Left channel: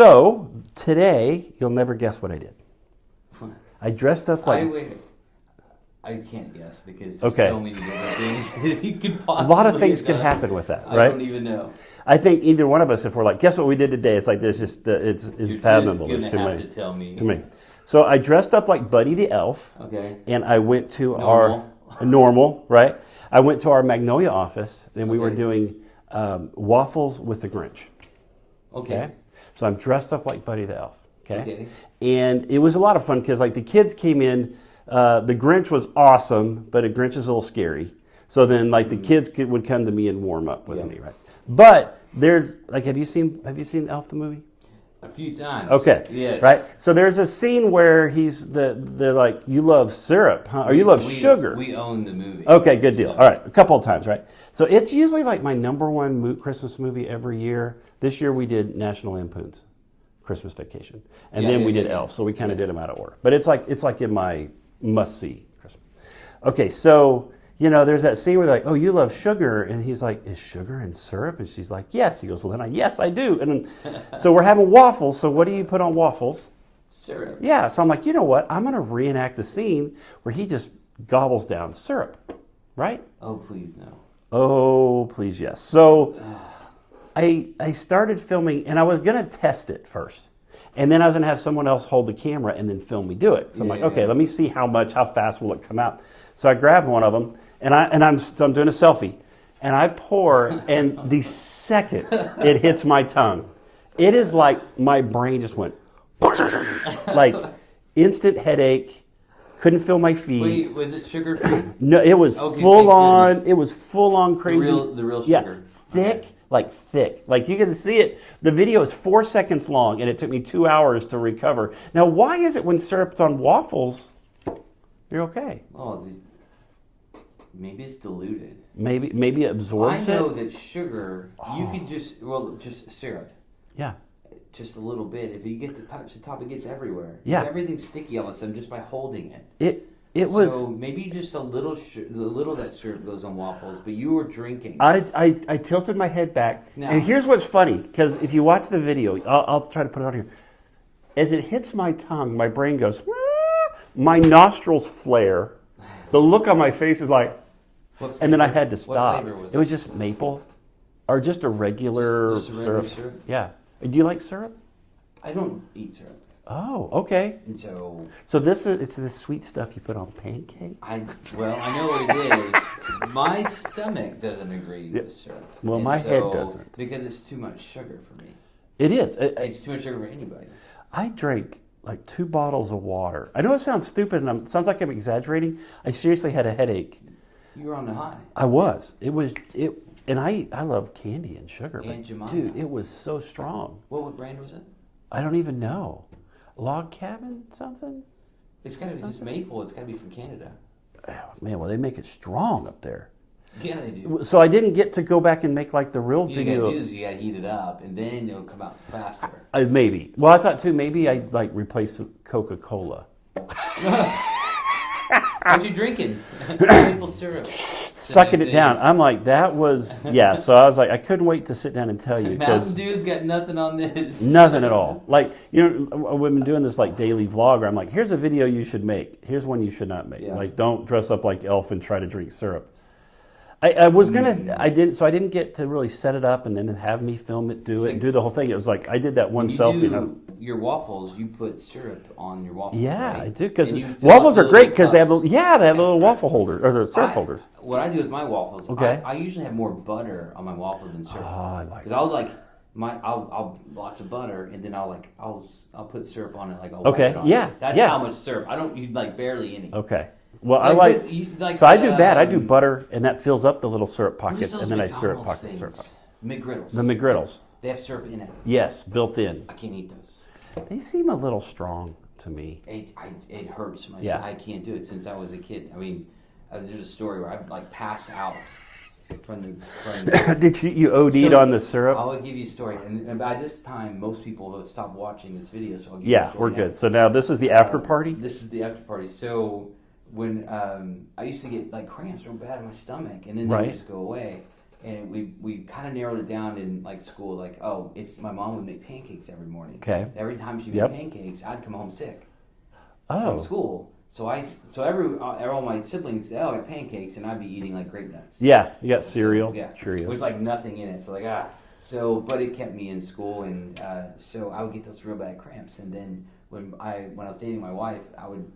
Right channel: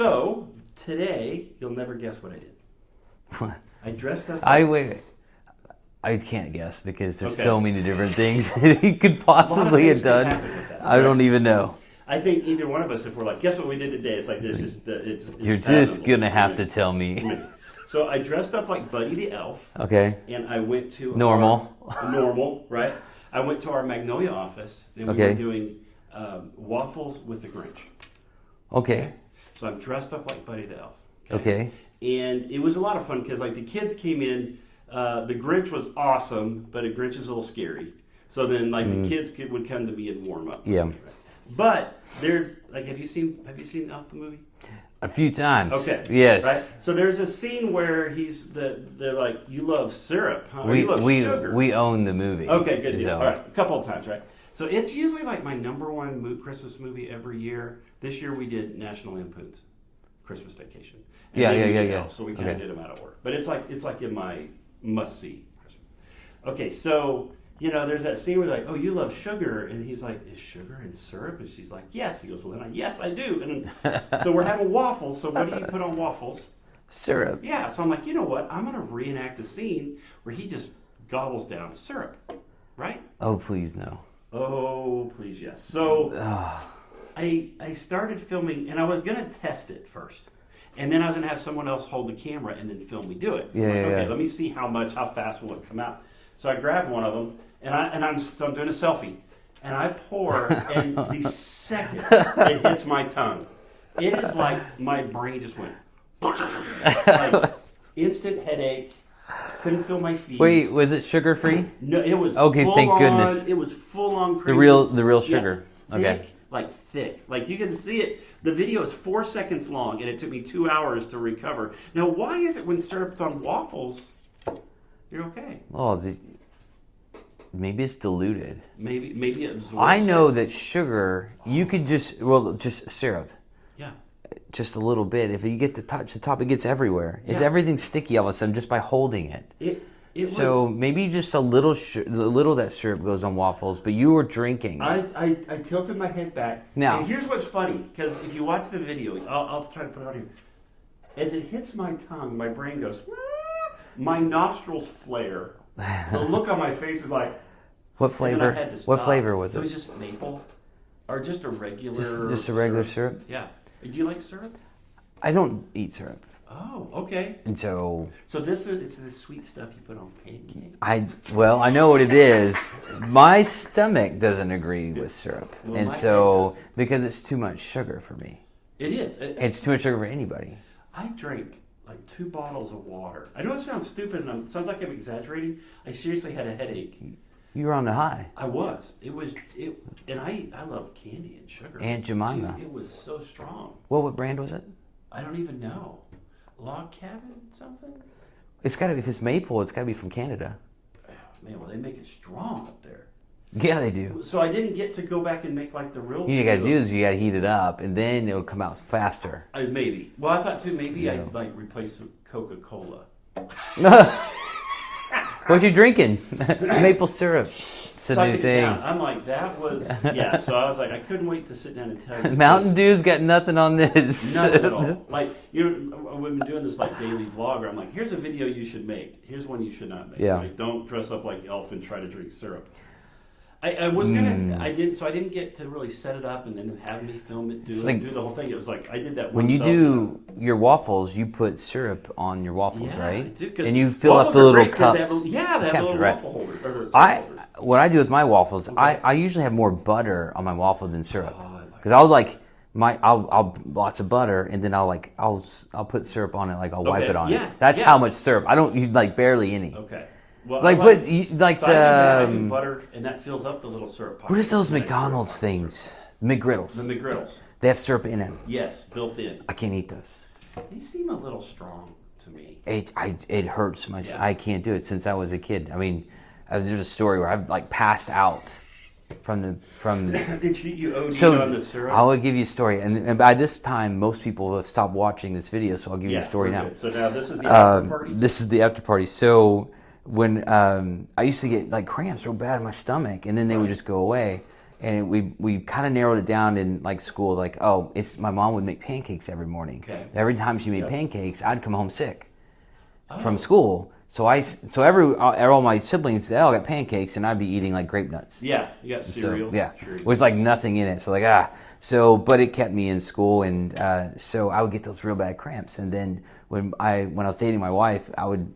So today, you'll never guess what I did. I dressed up like... I can't guess because there's Okay. so many different things that you could A possibly lot of things have done. could happen with that. I right? don't even know. I think either one of us, if we're like, guess what we did today? It's like this. It's You're unfathomable. just gonna It's too have many. to tell me. So I dressed up like Buddy the Elf, Okay. and I went to Normal. our normal, right? I went to our Magnolia office, and we were Okay. doing waffles with the Grinch. Okay. So I'm dressed up like Buddy the Elf. Okay. And it was a lot of fun because like the kids came in. The Grinch was awesome, but a Grinch is a little scary. So then like the kids would come to me and warm up with me, right? But there's like, have you seen Elf the movie? A few times. Okay. Yes. Right. So there's a scene where they're like, you love syrup, huh? Or you love sugar. We own the movie. Okay, good deal. So- All right, a couple of times, right? So it's usually like my number one Christmas movie every year. This year we did National Lampoon's Christmas Vacation, and then we did Elf. So we kind of did them out of order. But it's like in my must see Christmas. Okay, so there's that scene where they're like, oh, you love sugar, and he's like, is sugar in syrup? And she's like, yes. He goes, well, then yes, I do. And then, so we're having waffles. So what do you put on waffles? Syrup. Yeah. So I'm like, you know what? I'm going to reenact the scene where he just gobbles down syrup, right? Oh, please no. Oh, please, yes. So I started filming, and I was going to test it first. And then I was going to have someone else hold the camera and then film me do it. So I'm like, okay, let me see how fast will it come out. So I grabbed one of them, and I'm doing a selfie. And I pour, and the second it hits my tongue, it is like my brain just went, like instant headache, couldn't feel my feet. Wait, was it sugar free? No, it was Okay, full thank on. goodness. It was full on crazy. The real sugar. Thick, Okay. like thick. Like you can see it. The video is 4 seconds long, and it took me 2 hours to recover. Now, why is it when syrup's on waffles, you're okay? Oh, maybe it's diluted. Maybe it absorbs. I know it. that sugar, you could just syrup. Yeah. Just a little bit. If you get to touch the top, it gets everywhere. Yeah. Everything's sticky all of a sudden just by holding it. It was. So maybe just a little of that syrup goes on waffles, but you were drinking. I tilted my head back. Now- And here's what's funny, because if you watch the video, I'll try to put it on here. As it hits my tongue, my brain goes, "Wah!" My nostrils flare. The look on my face is like, What flavor? and then I had to stop. What flavor was it? It was just maple, or just a regular Just a regular syrup? Yeah. Do you like syrup? I don't eat syrup. Oh, okay. And so So it's the sweet stuff you put on pancakes? I know what it is. My stomach doesn't agree with syrup. Well, and my head so, doesn't. because it's too much sugar for me. It is. It's too much sugar for anybody. I drank like 2 bottles of water. I know it sounds stupid, and it sounds like I'm exaggerating. I seriously had a headache. You were on the high. I was. And I love candy and sugar. Aunt but, Jemima. Dude, it was so strong. What brand was it? I don't even know. Log Cabin something? It's got to be, if it's maple, it's got to be from Canada. Oh, man, well, they make it strong up there. Yeah, they do. So I didn't get to go back and make like the real You got to do is you got to heat it up, and then it'll come out faster. Maybe. Well, I thought too, maybe I like replace Coca-Cola. What you drinking? Maple syrup. Sucking it down. I'm like, that was, yeah. So I was like, I couldn't wait to sit down and tell you. 'cause Mountain Dew's got nothing on this. Nothing at all. Like, we've been doing this like daily vlog where I'm like, here's a video you should make. Here's one you should not make. Yeah. Like, don't dress up like Elf and try to drink syrup. I was gonna, I didn't get to really set it up and then have me film it, do the whole thing. It was like I did that one When you selfie. do your waffles, you put syrup on your waffles, Yeah, right? I do, because And you fill up waffles the are little great because they have cups. they have little Right. waffle holders or the syrup holders. What I do with my waffles, Okay. I usually have more butter on my waffle than syrup. Oh, I like Because I'll like I'll lots of butter, and then I'll put syrup on it, like I'll wipe Okay, it on. yeah, That's yeah. how much syrup. I don't use like barely any. Okay. Well, Like, I like, but like so I do that. I do um, butter, and that fills up the little syrup pockets. What is those and then I syrup McDonald's pocket syrup things? McGriddles. The McGriddles. They have syrup in them. Yes, built in. I can't eat those. They seem a little strong to me. It hurts my. Yeah. I can't do it since I was a kid. I mean, there's a story where I've like passed out from the. Did you OD'd on the syrup? I will give you a story, and by this time, most people have stopped watching this video, so I'll give you the Yeah, story we're now. good. So now this is the after party? This is the after party. So when I used to get like cramps real bad in my stomach, and then they would Right. just go away, and we kind of narrowed it down in like school. Like, oh, it's my mom would make pancakes every morning. Okay. Every time she made pancakes, I'd come home sick from Oh. school. So all my siblings, they all got pancakes, and I'd be eating like grape nuts. Yeah, you got cereal. So, yeah, Cheerios. with like nothing in it. So like but it kept me in school, and so I would get those real bad cramps. And then when I was dating my wife, I would.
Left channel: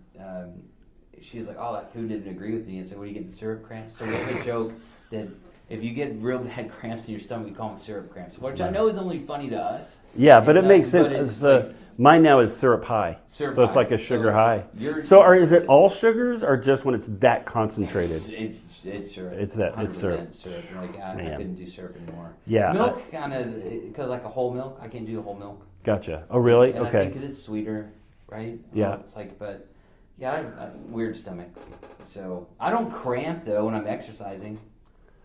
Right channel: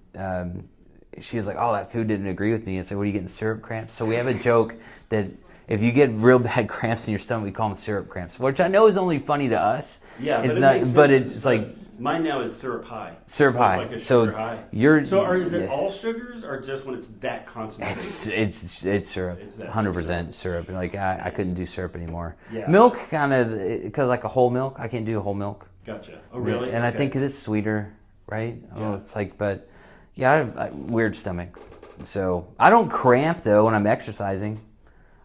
She was like, "Oh, that food didn't agree with me." It's like, "What are you getting, syrup cramps?" So we have a joke that if you get real bad cramps in your stomach, we call them syrup cramps, which I know is only funny to us. Yeah, but It's it not- makes sense. But it's like mine now is syrup high. syrup so high. it's like a sugar high. Is it all sugars or just when it's that concentrated? It's syrup. It's that- 100% syrup. Like I couldn't do syrup anymore. Yeah. Milk kind of because like a whole milk. I can't do a whole milk. Gotcha. Oh, really? And I Okay. think because it's sweeter, right? Yeah. It's like, but yeah, I have a weird stomach. So I don't cramp though when I'm exercising.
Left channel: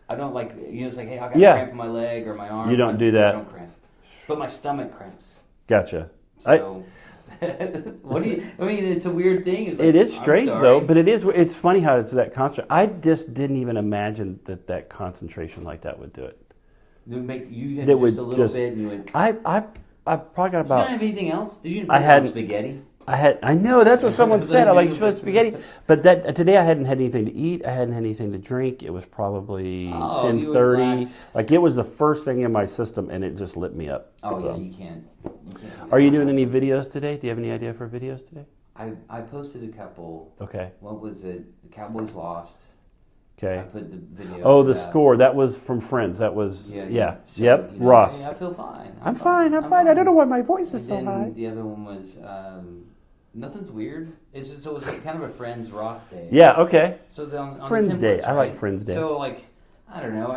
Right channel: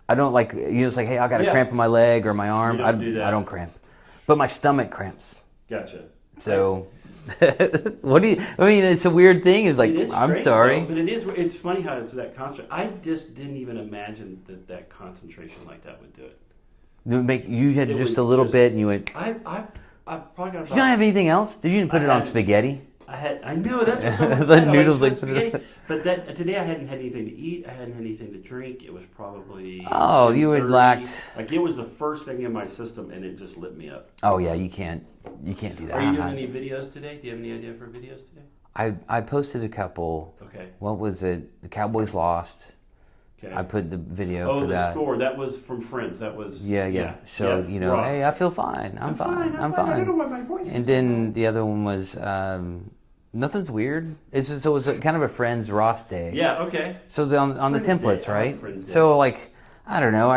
I don't like, it's like, hey, I got a cramp in my leg or my arm. You don't do that. I don't cramp. But my stomach cramps. Gotcha. So, it's a weird thing. It's like, It is I'm strange sorry. though, but it's funny how it's that constant. I just didn't even imagine that concentration like that would do it. You had That just would a little just- bit and you went, I probably got did you about. not have anything else? Did you put it on had- spaghetti? I know that's what someone Like said. I like noodles, like- spaghetti, but that today I hadn't had anything to eat. I hadn't had anything to drink. It was probably Oh, you 10:30. lacked- Like it was the first thing in my system, and it just lit me up. Oh, So- yeah, you can't do that. Are you doing any videos today? Do you have any idea for videos today? I posted a couple. Okay. What was it? The Cowboys lost. Okay. I put the video. Oh, for the that. score. That was from Friends. That was Yeah. So, Yep. Ross. Ross. Hey, I feel fine. I'm fine. I don't know why my voice is And so then high. the other one was nothing's weird. So it was kind of a Friends Ross day. Yeah. Okay. So on Friends the Day. templates, I like right? Friends Day. So like, I don't know.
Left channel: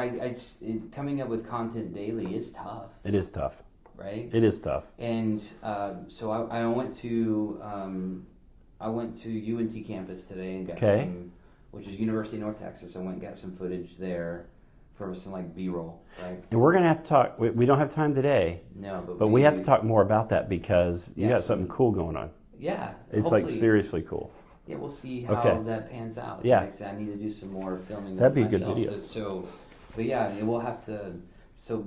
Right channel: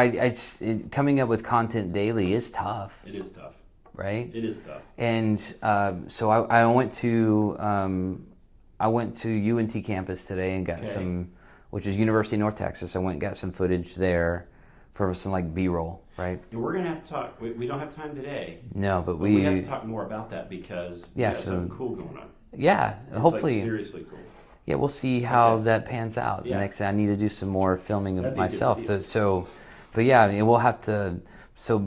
Coming up with content daily is tough, It is tough. right? It is tough. And so I went to UNT campus today and got some, which is University of North Texas. I went and got some footage there for some like B-roll, right? And we're gonna have to talk. We don't have time today, No, but but we have to talk more about that because you Yeah, got so- something cool going on. Yeah, It's hopefully. like seriously cool. Yeah, we'll see how Okay. that pans out. Yeah. Next, I need to do some more filming That'd of be a good myself. video. But yeah, and we'll have to. So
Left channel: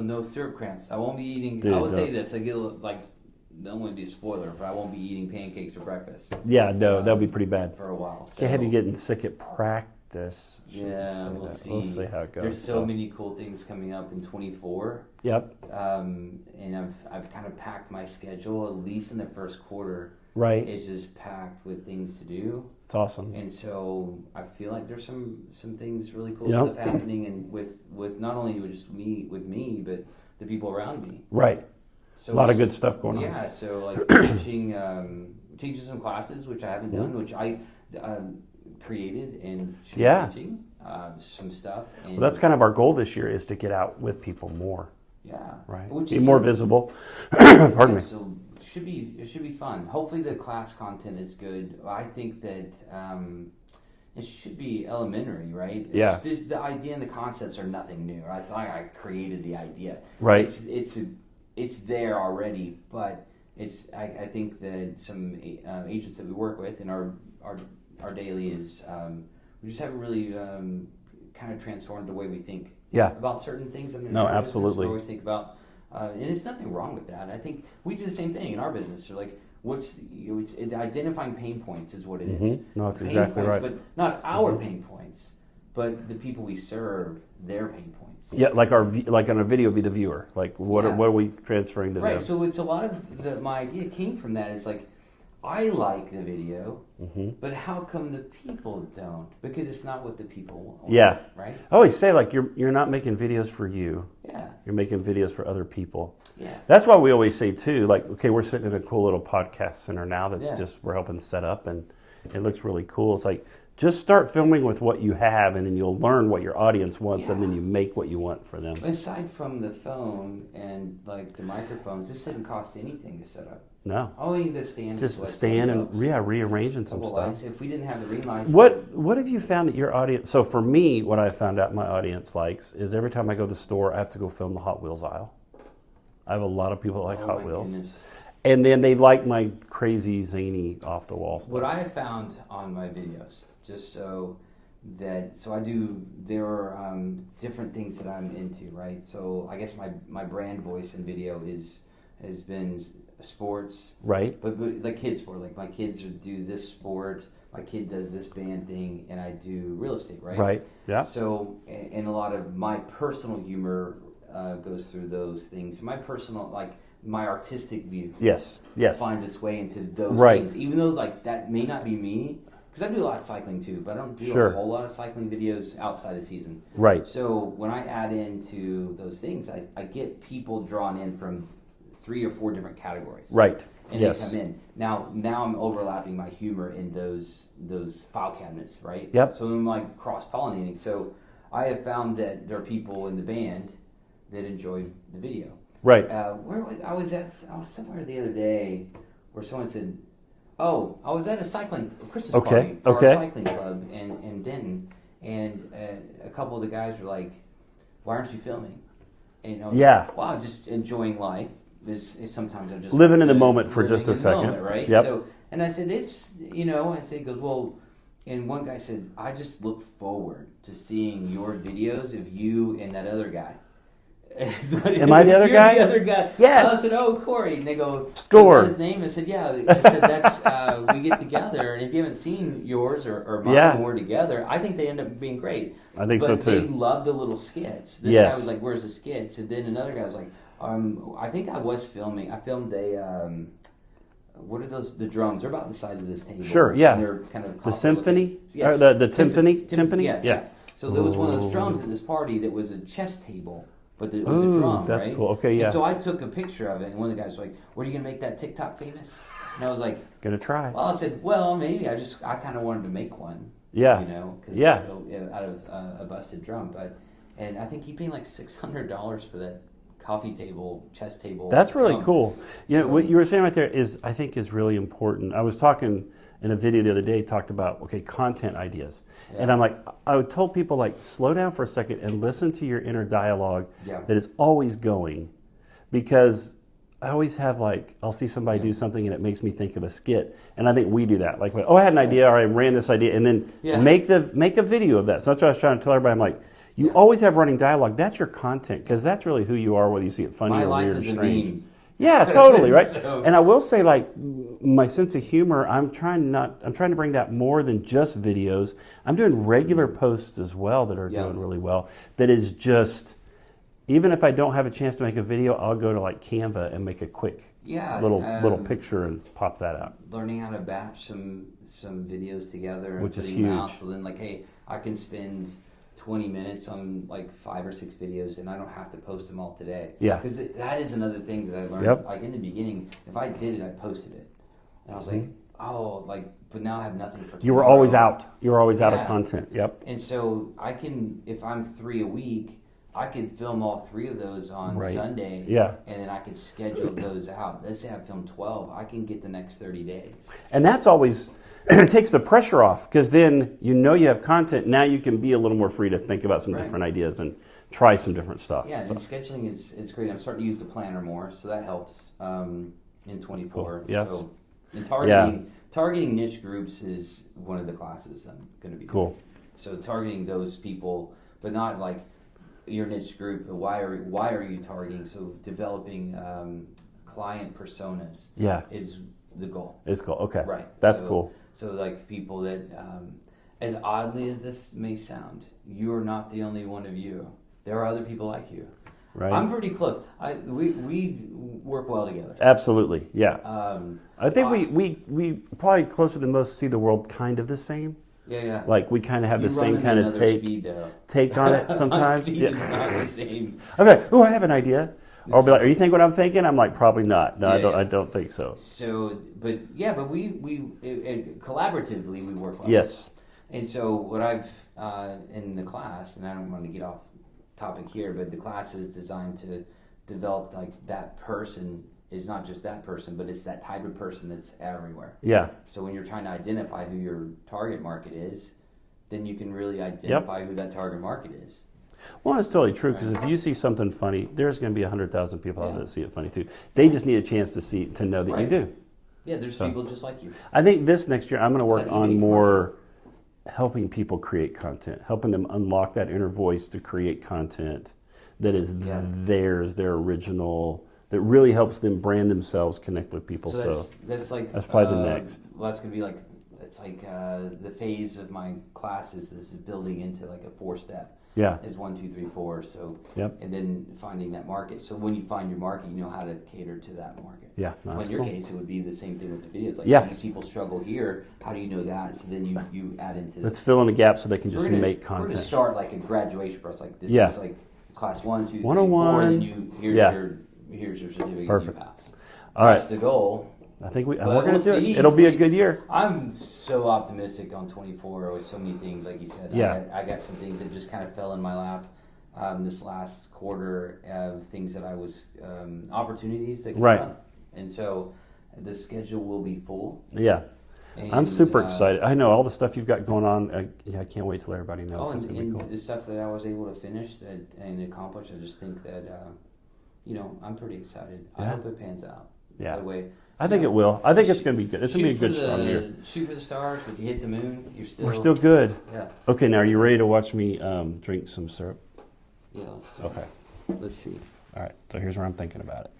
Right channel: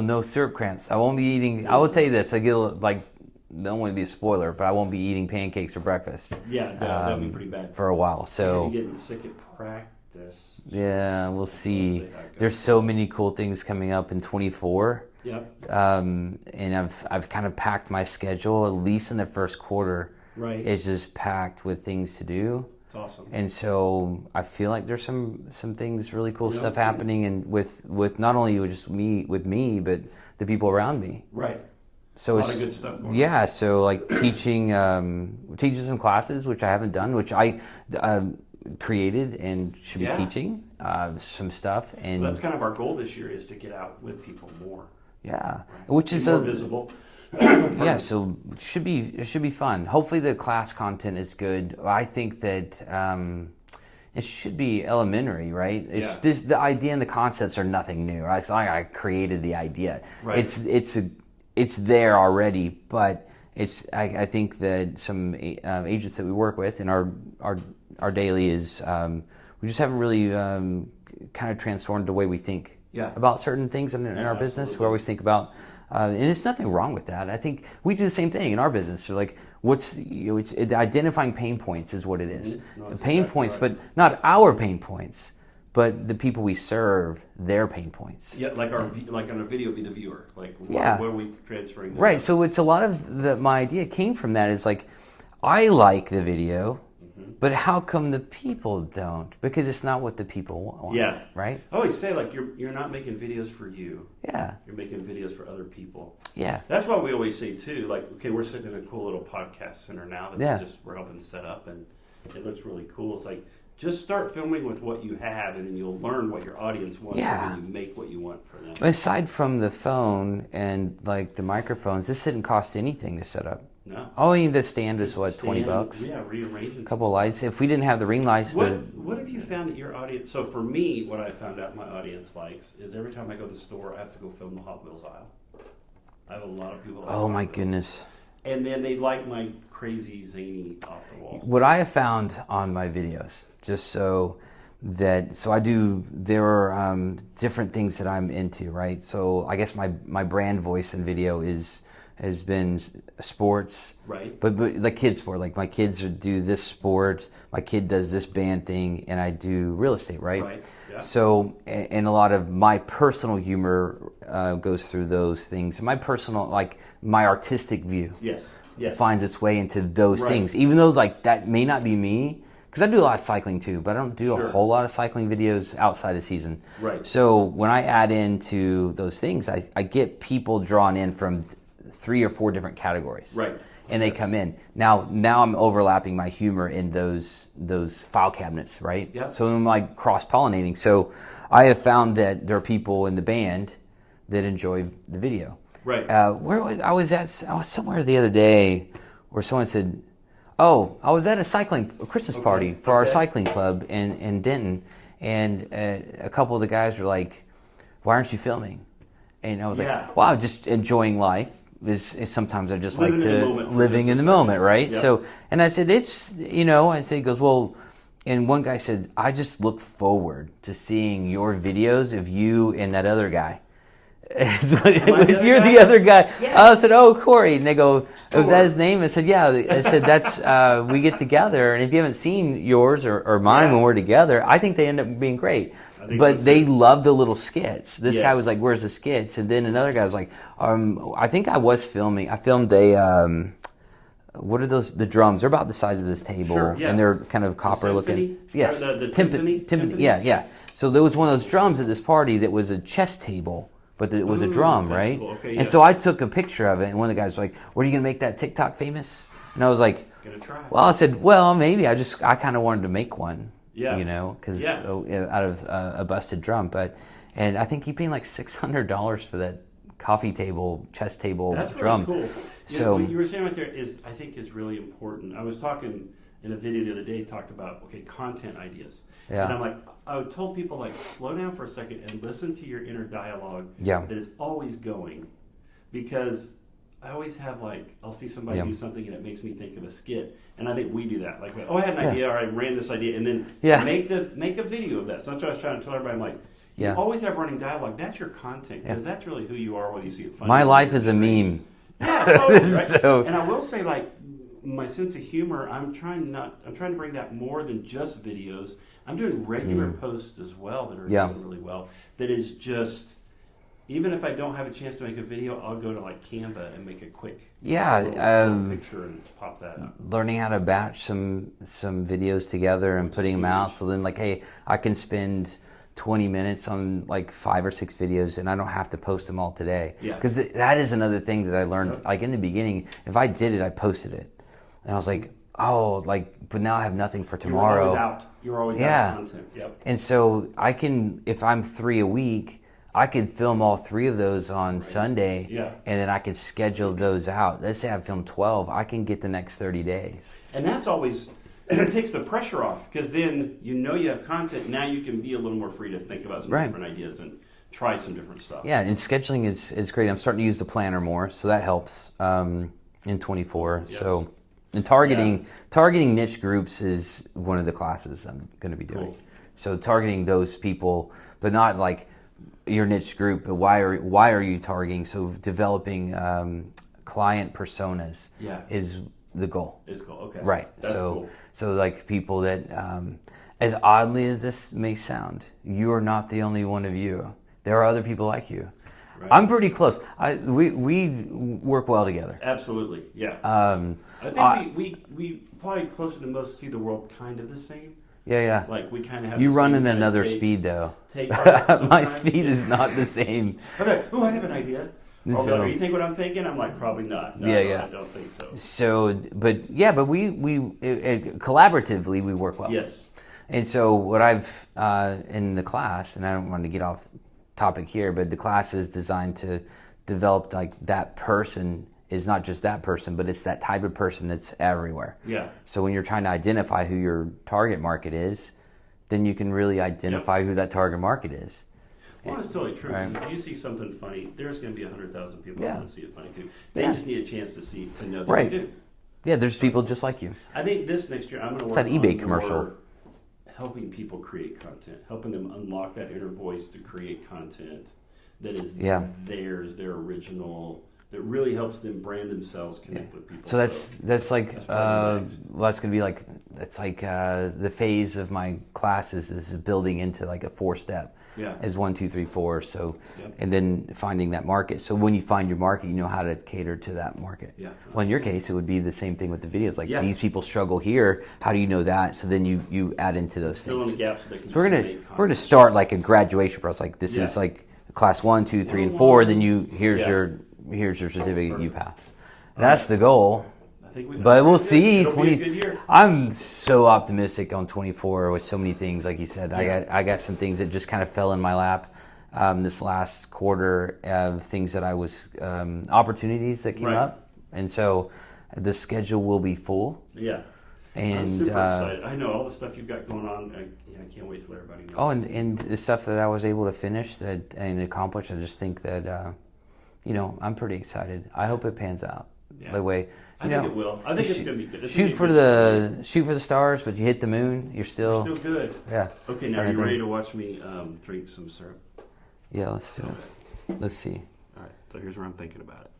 no syrup cramps. I won't be eating. Dude, I will tell you no. this. I get like. Don't want to be a spoiler, but I won't be eating pancakes for breakfast Yeah, no, that'd be pretty bad. for a while. So have you So getting sick at practice? yeah, we'll We'll see. how it goes. There's so many cool things coming up in 24. Yep. And I've kind of packed my schedule, at least in the first quarter. Right. It's just packed with things to do. It's awesome. And so I feel like there's some things, really cool Yep. stuff happening, and with not only just me, but the people around me. Right. So A lot it's- of good stuff going on. Yeah, so like teaching some classes, which I haven't done, which I created and should Yeah. be teaching some stuff. And Well, that's kind of our goal this year is to get out with people more. yeah, Right. which Be is more a- visible. Yeah, so it should be fun. Hopefully the class content is good. I think that it should be elementary, right? Yeah. The idea and the concepts are nothing new. Right? It's not like I created the idea. Right. It's there already, but I think that some agents that we work with in our daily is we just haven't really kind of transformed the way we think Yeah. about certain things in No, our business. absolutely. We always think about, and it's nothing wrong with that. I think we do the same thing in our business. So like, it's identifying pain points is what it is. No, that's Pain exactly points, right. but not our pain points, but the people we serve, their pain points. Yeah, like like on a video, be the viewer. Like what Yeah. are we transferring to Right. them? So it's a lot of my idea came from that. It's like, I like the video, but how come the people don't? Because it's not what the people want. Yeah. Right. I always say like you're not making videos for you. Yeah. You're making videos for other people. Yeah. That's why we always say too, like, okay, we're sitting in a cool little podcast center now that's Yeah. just we're helping set up and it looks really cool. It's like just start filming with what you have and then you'll learn what your audience wants and Yeah. then you make what you want for them. Aside from the phone and like the microphones, this didn't cost anything to set up. No. Oh, I mean, the stand is Just what, stand $20? and rearranging A couple some of stuff. lights. If we didn't have the ring lights, What have you found that your audience? So for me, what I found out my audience likes is every time I go to the store, I have to go film the Hot Wheels aisle. I have a lot of people that like oh Hot my Wheels. goodness. And then they like my crazy zany off the wall stuff. What I have found on my videos, just so so there are different things that I'm into, right? So I guess my brand voice in video has been sports, right? But like kids sport, like my kids do this sport, my kid does this band thing, and I do real estate, right? Right. Yeah. So, and a lot of my personal humor goes through those things. My personal, like my artistic view, yes, finds its way into those right. things, even though like that may not be me. Because I do a lot of cycling too, but I don't do a whole lot of cycling videos outside of season. Right. So when I add into those things, I get people drawn in from 3 or 4 different categories. Right. And they come in. Now I'm overlapping my humor in those file cabinets, right? Yep. So I'm like cross-pollinating. So I have found that there are people in the band that enjoy the video. Right. I was somewhere the other day where someone said, "Oh, I was at a Christmas party for our cycling club in Denton, and a couple of the guys were like, 'Why aren't you filming?' And I was like, 'Well, I'm just enjoying life. Is sometimes I just living like in the moment for living just a in the second. moment, right?' Yep. So, and I said, it's I said, he goes, well, and one guy said, I just look forward to seeing your videos of you and that other guy. Am I the other You're guy? the other guy. Yes. I said, "Oh, Corey," and they go, Store. "Is that his name?" I said, "Yeah." I said, "That's we get together, and if you haven't seen yours or mine when we're together, I think they end up being great." I think but so too. they love the little skits. This Yes. guy was like, "Where's the skits?" And then another guy was like, "I think I was filming. I filmed a." What are those? The drums. They're about the size of this table. Sure, yeah. And they're kind of copper symphony? looking. Yes. Or the timpani? Timpani? Yeah. So there was one of those drums at this party that was a chess table, but it was a drum, that's right? cool. Okay, yeah. And so I took a picture of it, and one of the guys was like, "What are you gonna make that TikTok famous?" And I was like, Gonna try. Well, I said, "Well, maybe." I kind of wanted to make one. Yeah. Because Yeah. out of a busted drum, and I think he paid like $600 for that coffee table, chess table. That's really drum. cool. You know, So- what you were saying right there I think is really important. I was talking in a video the other day, talked about, content ideas. Yeah. And I'm like, I told people, like, slow down for a second and listen to your inner dialogue Yeah. that is always going. Because I always have, like, I'll see somebody do something and it makes me think of a skit. And I think we do that. Like, I had an idea, or I ran this idea, and then make a video of that. So that's what I was trying to tell everybody. I'm like, you always have running dialogue. That's your content, because that's really who you are, whether you see it funny My or life weird, is a strange. meme. Yeah, totally, right? So- And I will say, like, my sense of humor, I'm trying to bring that more than just videos. I'm doing regular posts as well that are doing really well. That is just, even if I don't have a chance to make a video, I'll go to like Canva and make a quick little picture and pop that out. Learning how to batch some videos together and Which is putting them out. huge. So then, like, hey, I can spend 20 minutes on like 5 or 6 videos, and I don't have to post them all today. Yeah. Because that is another thing that I learned. Yep. Like in the beginning, if I did it, I posted it, and I was like, but now I have nothing for tomorrow. You were always out. You were always out Yeah. of content. Yep. And so I can, if I'm 3 a week, I can film all 3 of those on Sunday. Yeah. And then I can schedule those out. Let's say I film 12, I can get the next 30 days. And that's always, it takes the pressure off, because then you have content. Now you can be a little more free to think about some different ideas and try some different stuff. Yeah, and scheduling is great. I'm starting to use the planner more, so that helps in 24. Yes. So, and targeting niche groups is one of the classes I'm going to be doing. Cool. So targeting those people, but not like your niche group. But why are you targeting? So developing client personas. Is the goal. It's cool. Okay. Right. That's so, cool. So like people that, as oddly as this may sound, you are not the only one of you. There are other people like you. Right. I'm pretty close. We work well together. Absolutely. Yeah. I think we probably closer than most see the world kind of the same. Yeah. Like we kind of have You the run same in kind another of speed though. take on it sometimes. My speed is not the same. Okay. Oh, I have an idea. Or I'll be like, So- "Are you think what I'm thinking?" I'm like, "Probably not. No, I don't think so." So, but we collaboratively we work well. Yes. And so what I've in the class, and I don't want to get off topic here, but the class is designed to develop like that person is not just that person, but it's that type of person that's everywhere. Yeah. So when you're trying to identify who your target market is, then you can really identify who that target market is. Well, it's totally true, because if you see something funny, there's going to be 100,000 people out there that see it funny too. They just need a chance to know that you do. Yeah, there's people just like you. I think this next year I'm going to work that eBay on more helping people create content, helping them unlock that inner voice to create content that is theirs, their original, that really helps them brand themselves, connect with people. So that's like that's probably the next. Well, that's gonna be like the phase of my classes is building into like a 4-step. Yeah. As 1, 2, 3, 4. So Yep. and then finding that market. So when you find your market, you know how to cater to that market. Yeah. Well, in your case, it would be the same thing with the videos. Like Yeah. these people struggle here. How do you know that? So then you add into those. Let's fill in the gaps so they can So just make content. we're gonna start like a graduation process. Like this is like class 1, 2, 3, 4, and then here's your certificate. Perfect. You pass. All That's the goal. I think But we'll see. It'll be a good year. I'm so optimistic on 24 with so many things, like you said. Yeah. I got some things that just kind of fell in my lap this last quarter of things that I was opportunities that came up, and so the schedule will be full. Yeah. And, I'm super excited. I know all the stuff you've got going on. I can't wait to let everybody know. Oh, and the stuff that I was able to finish and accomplish, I just think that, I'm pretty excited. I hope it pans out. Yeah. By the way, I think it will. I think it's going to be good. It's shoot for the stars, but you hit the moon, you're still good. Yeah. Okay, now are you ready to watch me drink some syrup? Yeah, let's do it. Let's see. All right, so here's where I'm thinking about it.